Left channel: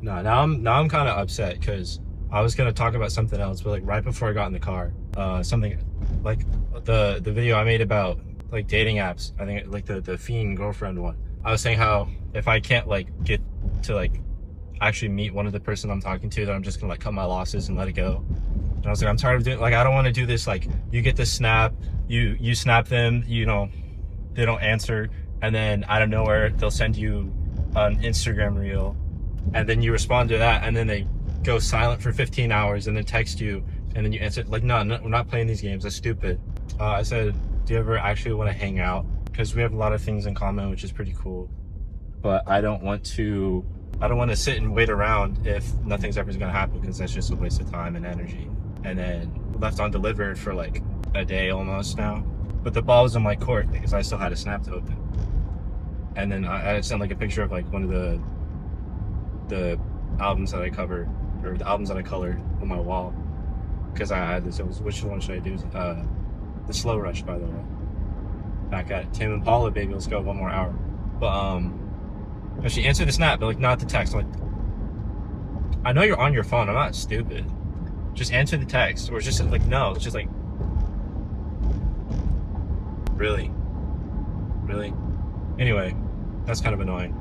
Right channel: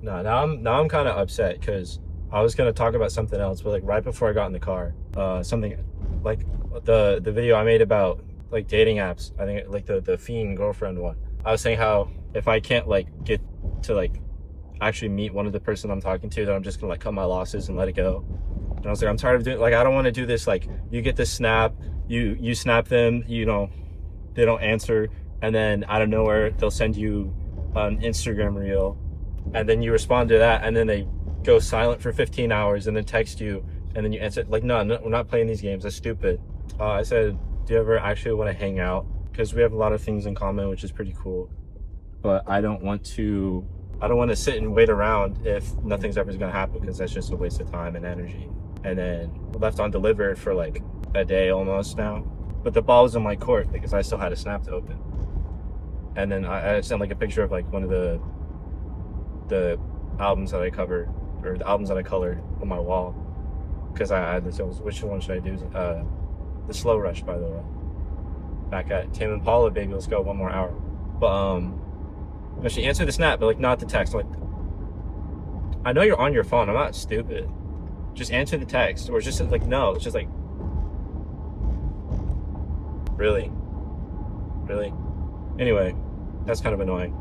No, now I'm kind of upset because I was gonna talk about something else, but like right before I got in the car, something like the video I made about like dating apps. I think like the fiend girlfriend one. I was saying how if I can't like get to like actually meet one of the person I'm talking to, then I'm just gonna like cut my losses and let it go. And I was like, I'm tired of doing, like, I don't want to do this. Like, you get this snap, you snap them, you know, they don't answer, and then out of nowhere they'll send you an Instagram reel, and then you respond to that, and then they go silent for 15 hours, and then text you, and then you answer. Like, no, we're not playing these games. That's stupid. I said, do you ever actually want to hang out? Because we have a lot of things in common, which is pretty cool. But I don't want to sit and wait around if nothing's ever gonna happen, because that's just a waste of time and energy. And then left undelivered for like a day almost now. But the ball was in my court because I still had a snap to open. And then I sent like a picture of like one of the albums that I cover, or the albums that I colored on my wall. Because I had this, which one should I do? The Slow Rush, by the way. Back at Tame Impala, baby, let's go, one more hour. But she answered the snap, but like not the text. Like, I know you're on your phone, I'm not stupid. Just answer the text, or just like, no, it's just like, really? Anyway, that's kind of annoying.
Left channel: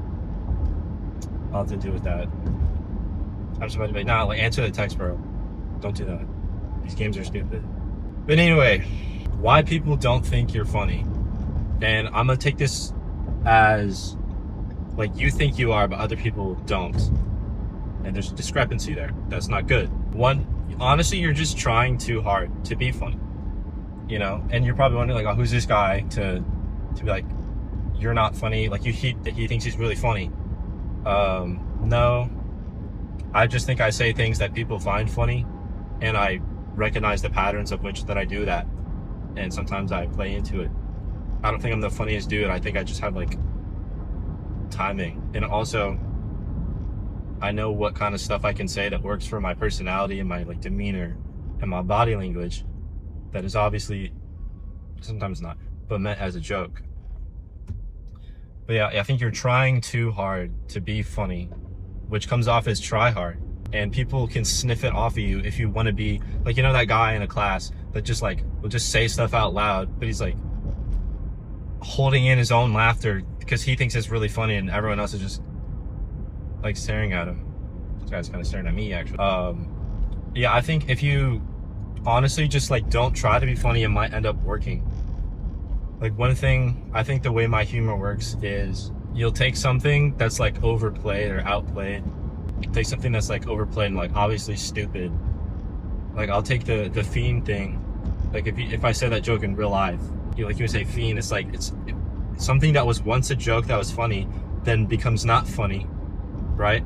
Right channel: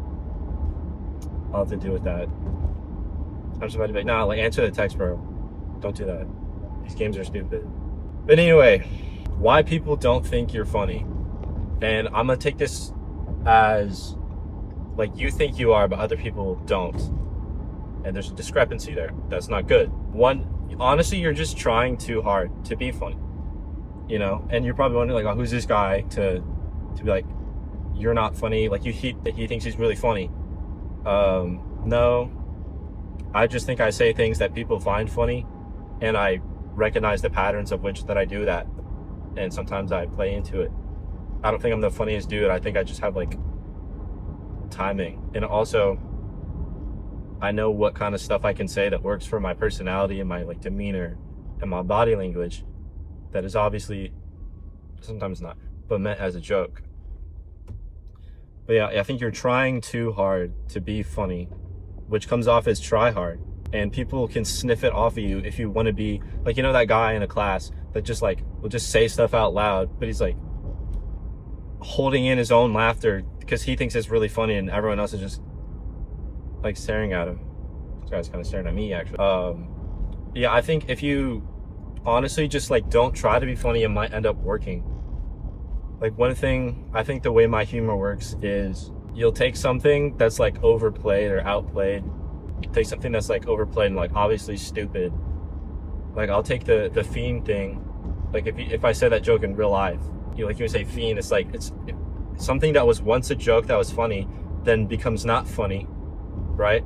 I'll have to deal with that. I'm just about to be like, nah, like, answer the text, bro. Don't do that. These games are stupid. But anyway, why people don't think you're funny. And I'm gonna take this as, like, you think you are, but other people don't. And there's a discrepancy there. That's not good. One, honestly, you're just trying too hard to be funny, you know? And you're probably wondering, like, oh, who's this guy to be like, you're not funny? Like, he thinks he's really funny. No, I just think I say things that people find funny, and I recognize the patterns of which that I do that. And sometimes I play into it. I don't think I'm the funniest dude. I think I just have, like, timing. And also, I know what kind of stuff I can say that works for my personality and my, like, demeanor and my body language, that is obviously, sometimes not, but meant as a joke. But yeah, I think you're trying too hard to be funny, which comes off as try hard. And people can sniff it off of you if you want to be, like, you know, that guy in a class that just, like, will just say stuff out loud, but he's, like, holding in his own laughter because he thinks it's really funny, and everyone else is just, like, staring at him. This guy's kind of staring at me, actually. Yeah, I think if you honestly just, like, don't try to be funny, it might end up working. Like, one thing, I think the way my humor works is you'll take something that's, like, overplayed or outplayed, take something that's, like, overplayed and, like, obviously stupid. Like, I'll take the fiend thing. Like, if I say that joke in real life, you would say fiend, it's like, it's something that was once a joke that was funny, then becomes not funny, right?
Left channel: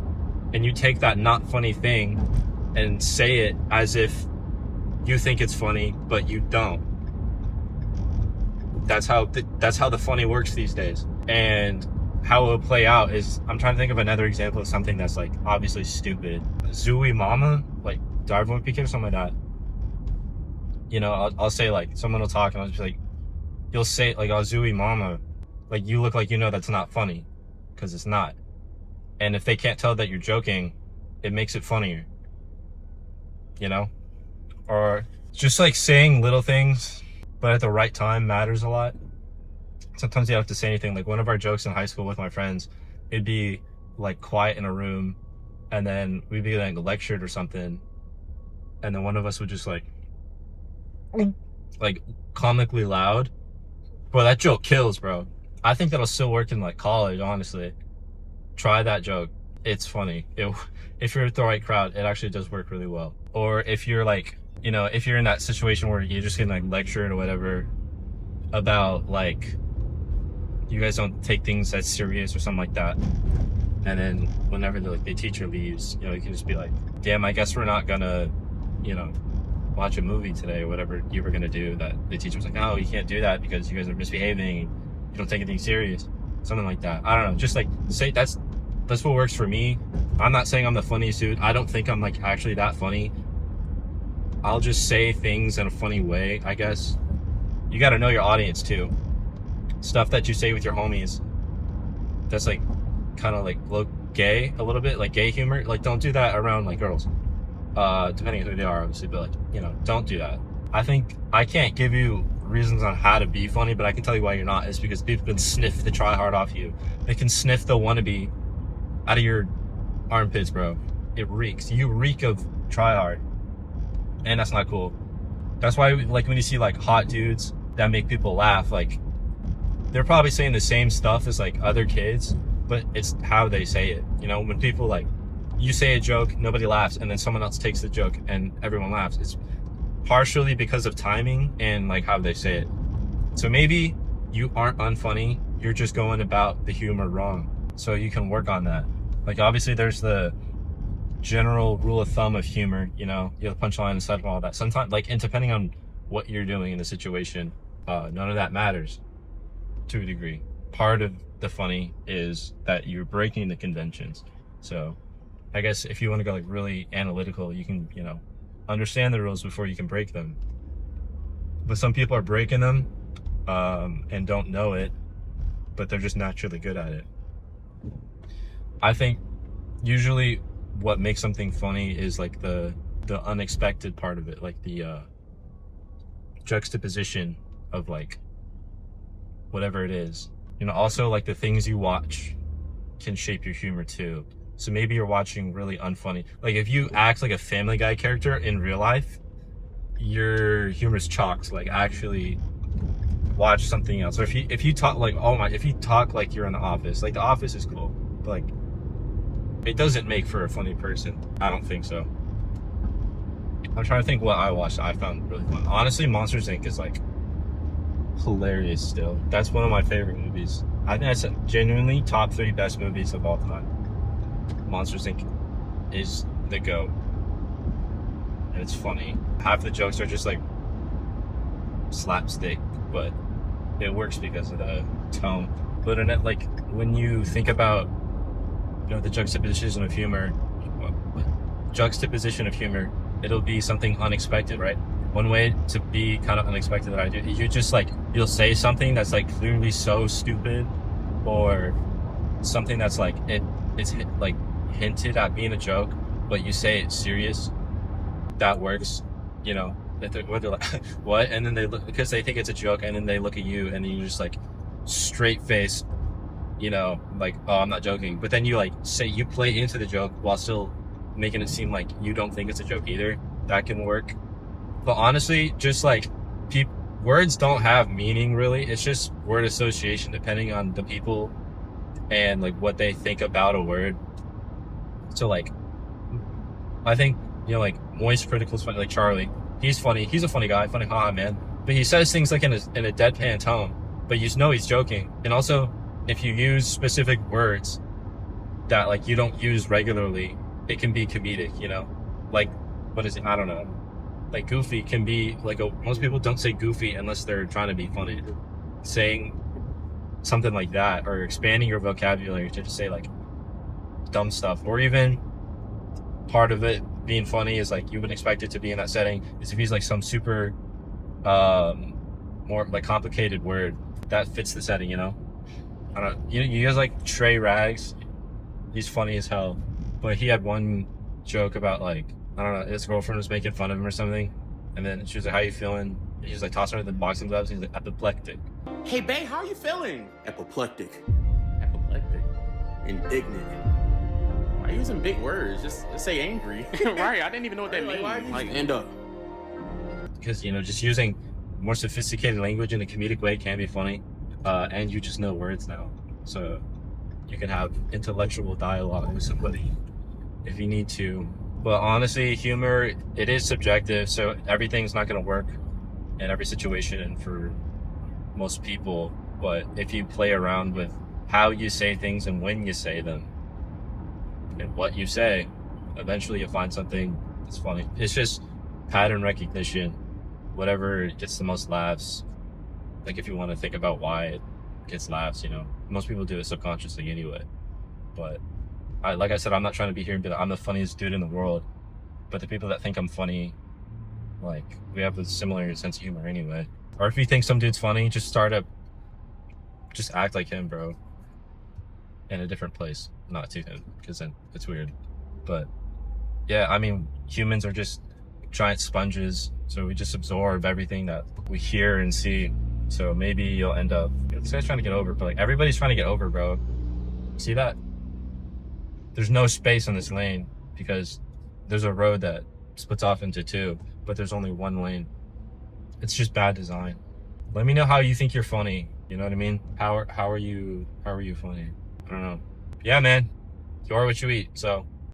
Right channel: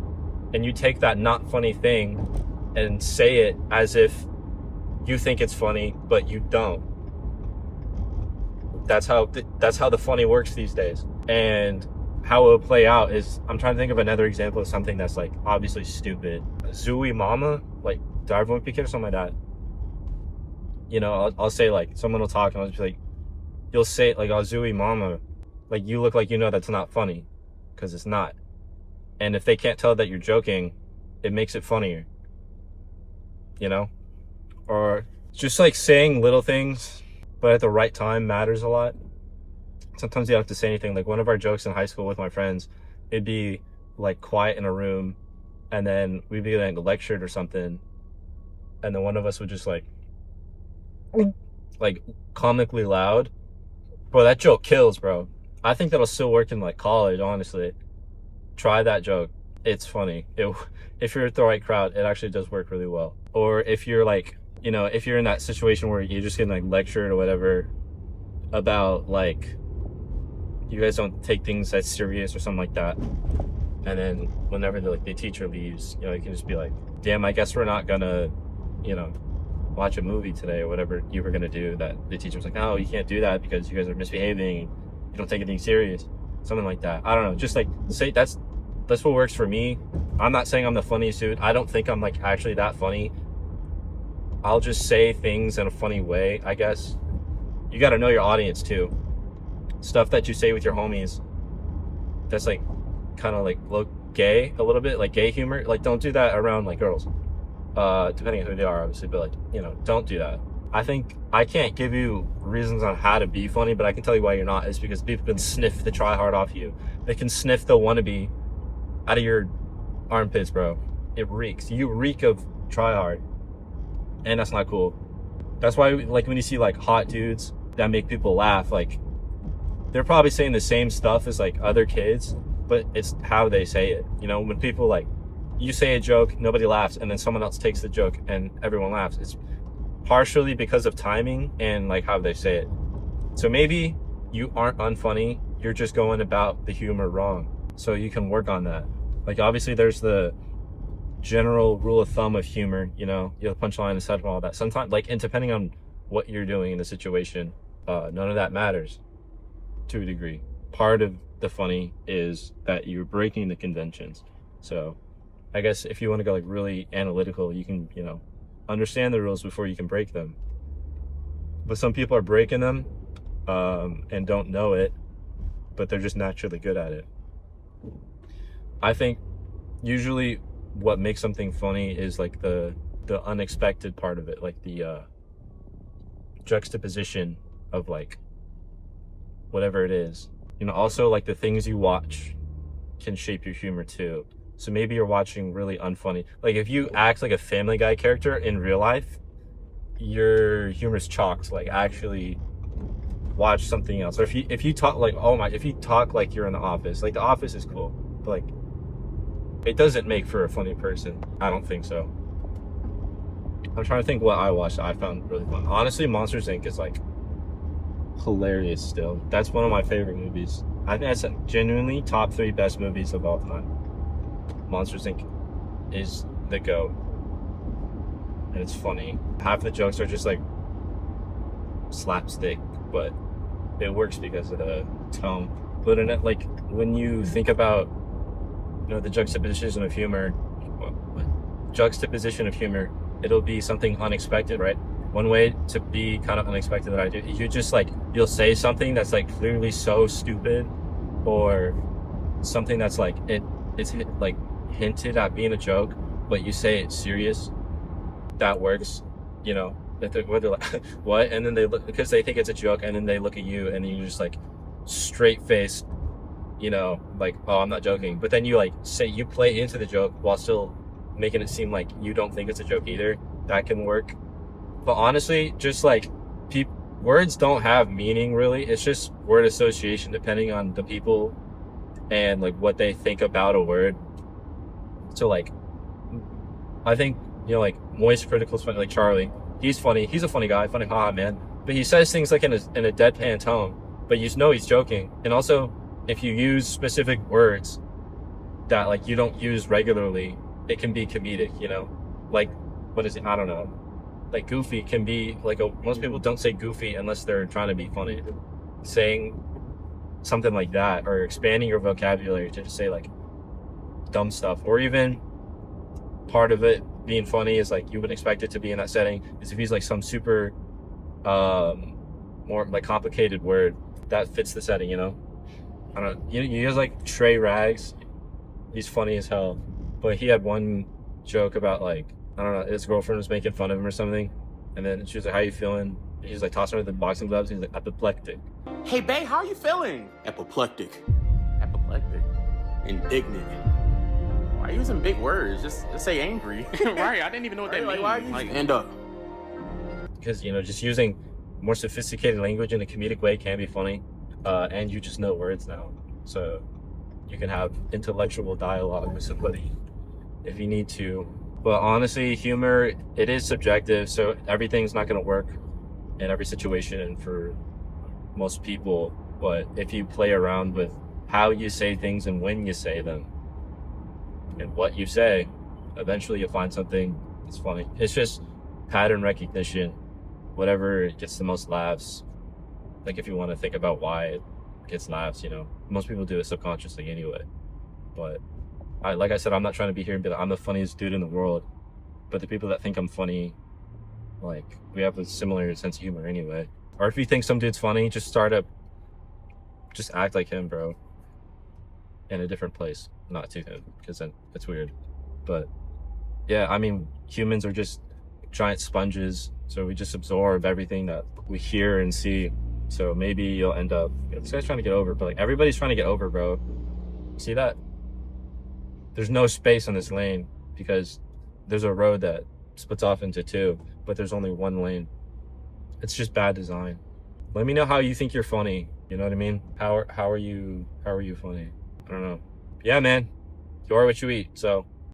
And you take that not funny thing and say it as if you think it's funny, but you don't. That's how the funny works these days. And how it will play out is, I'm trying to think of another example of something that's, like, obviously stupid. Zooey Mama, like, Darvo Piquet or something like that. You know, I'll say, like, someone will talk and I'll just be like, you'll say, like, oh, Zooey Mama, like, you look like you know that's not funny, because it's not. And if they can't tell that you're joking, it makes it funnier, you know? Or just, like, saying little things, but at the right time matters a lot. Sometimes you don't have to say anything. Like, one of our jokes in high school with my friends, it'd be, like, quiet in a room, and then we'd be, like, lectured or something, and then one of us would just, like, comically loud. Bro, that joke kills, bro. I think that'll still work in, like, college, honestly. Try that joke. It's funny. If you're at the right crowd, it actually does work really well. Or if you're, like, you know, if you're in that situation where you're just getting, like, lectured or whatever about, like, you guys don't take things that serious or something like that, and then whenever the teacher leaves, you know, you can just be like, damn, I guess we're not gonna, you know, watch a movie today, or whatever you were gonna do, that the teacher's like, oh, you can't do that because you guys are misbehaving, you don't take anything serious, something like that. I don't know, just, like, say that's what works for me. I'm not saying I'm the funniest dude. I don't think I'm, like, actually that funny. I'll just say things in a funny way, I guess. You gotta know your audience too. Stuff that you say with your homies, that's, like, kind of, like, gay a little bit, like gay humor, like don't do that around like girls. Depending on who they are, obviously, but like, you know, don't do that. I think I can't give you reasons on how to be funny, but I can tell you why you're not. Is because people can sniff the try hard off you. They can sniff the wannabe out of your armpits, bro. It reeks. You reek of try hard, and that's not cool. That's why, like, when you see like hot dudes that make people laugh, like they're probably saying the same stuff as like other kids, but it's how they say it. You know, when people like, you say a joke, nobody laughs, and then someone else takes the joke and everyone laughs. It's partially because of timing and like how they say it. So maybe you aren't unfunny, you're just going about the humor wrong. So you can work on that. Like obviously there's the general rule of thumb of humor, you know, you have punchline and set all that. Sometimes, like, and depending on what you're doing in the situation, none of that matters to a degree. Part of the funny is that you're breaking the conventions. So I guess if you want to go like really analytical, you can, you know, understand the rules before you can break them. But some people are breaking them and don't know it, but they're just naturally good at it. I think usually what makes something funny is like the unexpected part of it, like the juxtaposition of like whatever it is. You know, also like the things you watch can shape your humor too. So maybe you're watching really unfunny. Like if you act like a Family Guy character in real life, your humor is chalked. Like actually watch something else. Or if you talk like, oh my, if you talk like you're in The Office, like The Office is cool, but like it doesn't make for a funny person. I don't think so. I'm trying to think what I watched that I found really fun. Honestly, Monsters Inc. is like hilarious still. That's one of my favorite movies. I think that's genuinely top 3 best movies of all time. Monsters Inc. is the GOAT. And it's funny. Half the jokes are just like slapstick, but it works because of the tone. But in it, like when you think about, you know, the juxtaposition of humor, it'll be something unexpected, right? One way to be kind of unexpected that I do, you just like, you'll say something that's like clearly so stupid, or something that's like, it's like hinted at being a joke, but you say it's serious. That works, you know. They're like, what? And then they look, because they think it's a joke, and then they look at you, and then you just like straight faced, you know, like, oh, I'm not joking. But then you like say, you play into the joke while still making it seem like you don't think it's a joke either. That can work. But honestly, just like words don't have meaning really. It's just word association depending on the people and like what they think about a word. So like, I think, you know, like Moist Critical's funny, like Charlie. He's funny. He's a funny guy. Funny, haha, man. But he says things like in a deadpan tone, but you know he's joking. And also, if you use specific words that like you don't use regularly, it can be comedic, you know? Like, what is it? I don't know. Like goofy can be like most people don't say goofy unless they're trying to be funny. Saying something like that, or expanding your vocabulary to just say like dumb stuff, or even part of it being funny is like you wouldn't expect it to be in that setting, is if he's like some super more like complicated word that fits the setting, you know? I don't know. You guys like Trey Rags? He's funny as hell, but he had one joke about like, I don't know, his girlfriend was making fun of him or something, and then she was like, how you feeling? He's like tossing her the boxing gloves, and he's like, apoplectic. Hey babe, how are you feeling? Apoplectic. Apoplectic. Indignant. Why are you using big words? Just say angry. Right, I didn't even know what that means. Like, end up. Because, you know, just using more sophisticated language in a comedic way can be funny, and you just know words now. So you can have intellectual dialogue with somebody if you need to. But honestly, humor, it is subjective, so everything's not going to work in every situation and for most people. But if you play around with how you say things and when you say them and what you say, eventually you'll find something that's funny. It's just pattern recognition, whatever gets the most laughs. Like if you want to think about why it gets laughs, you know, most people do it subconsciously anyway. But like I said, I'm not trying to be here and be like, I'm the funniest dude in the world. But the people that think I'm funny, like, we have a similar sense of humor anyway. Or if you think some dude's funny, just act like him, bro. In a different place. not to him, because then it's weird. But yeah, I mean, humans are just giant sponges, so we just absorb everything that we hear and see. So maybe you'll end up, this guy's trying to get over, but like everybody's trying to get over, bro. See that? There's no space on this lane because there's a road that splits off into two, but there's only one lane. It's just bad design. Let me know how you think you're funny. You know what I mean? How are you funny? I don't know. Yeah, man. You are what you eat. So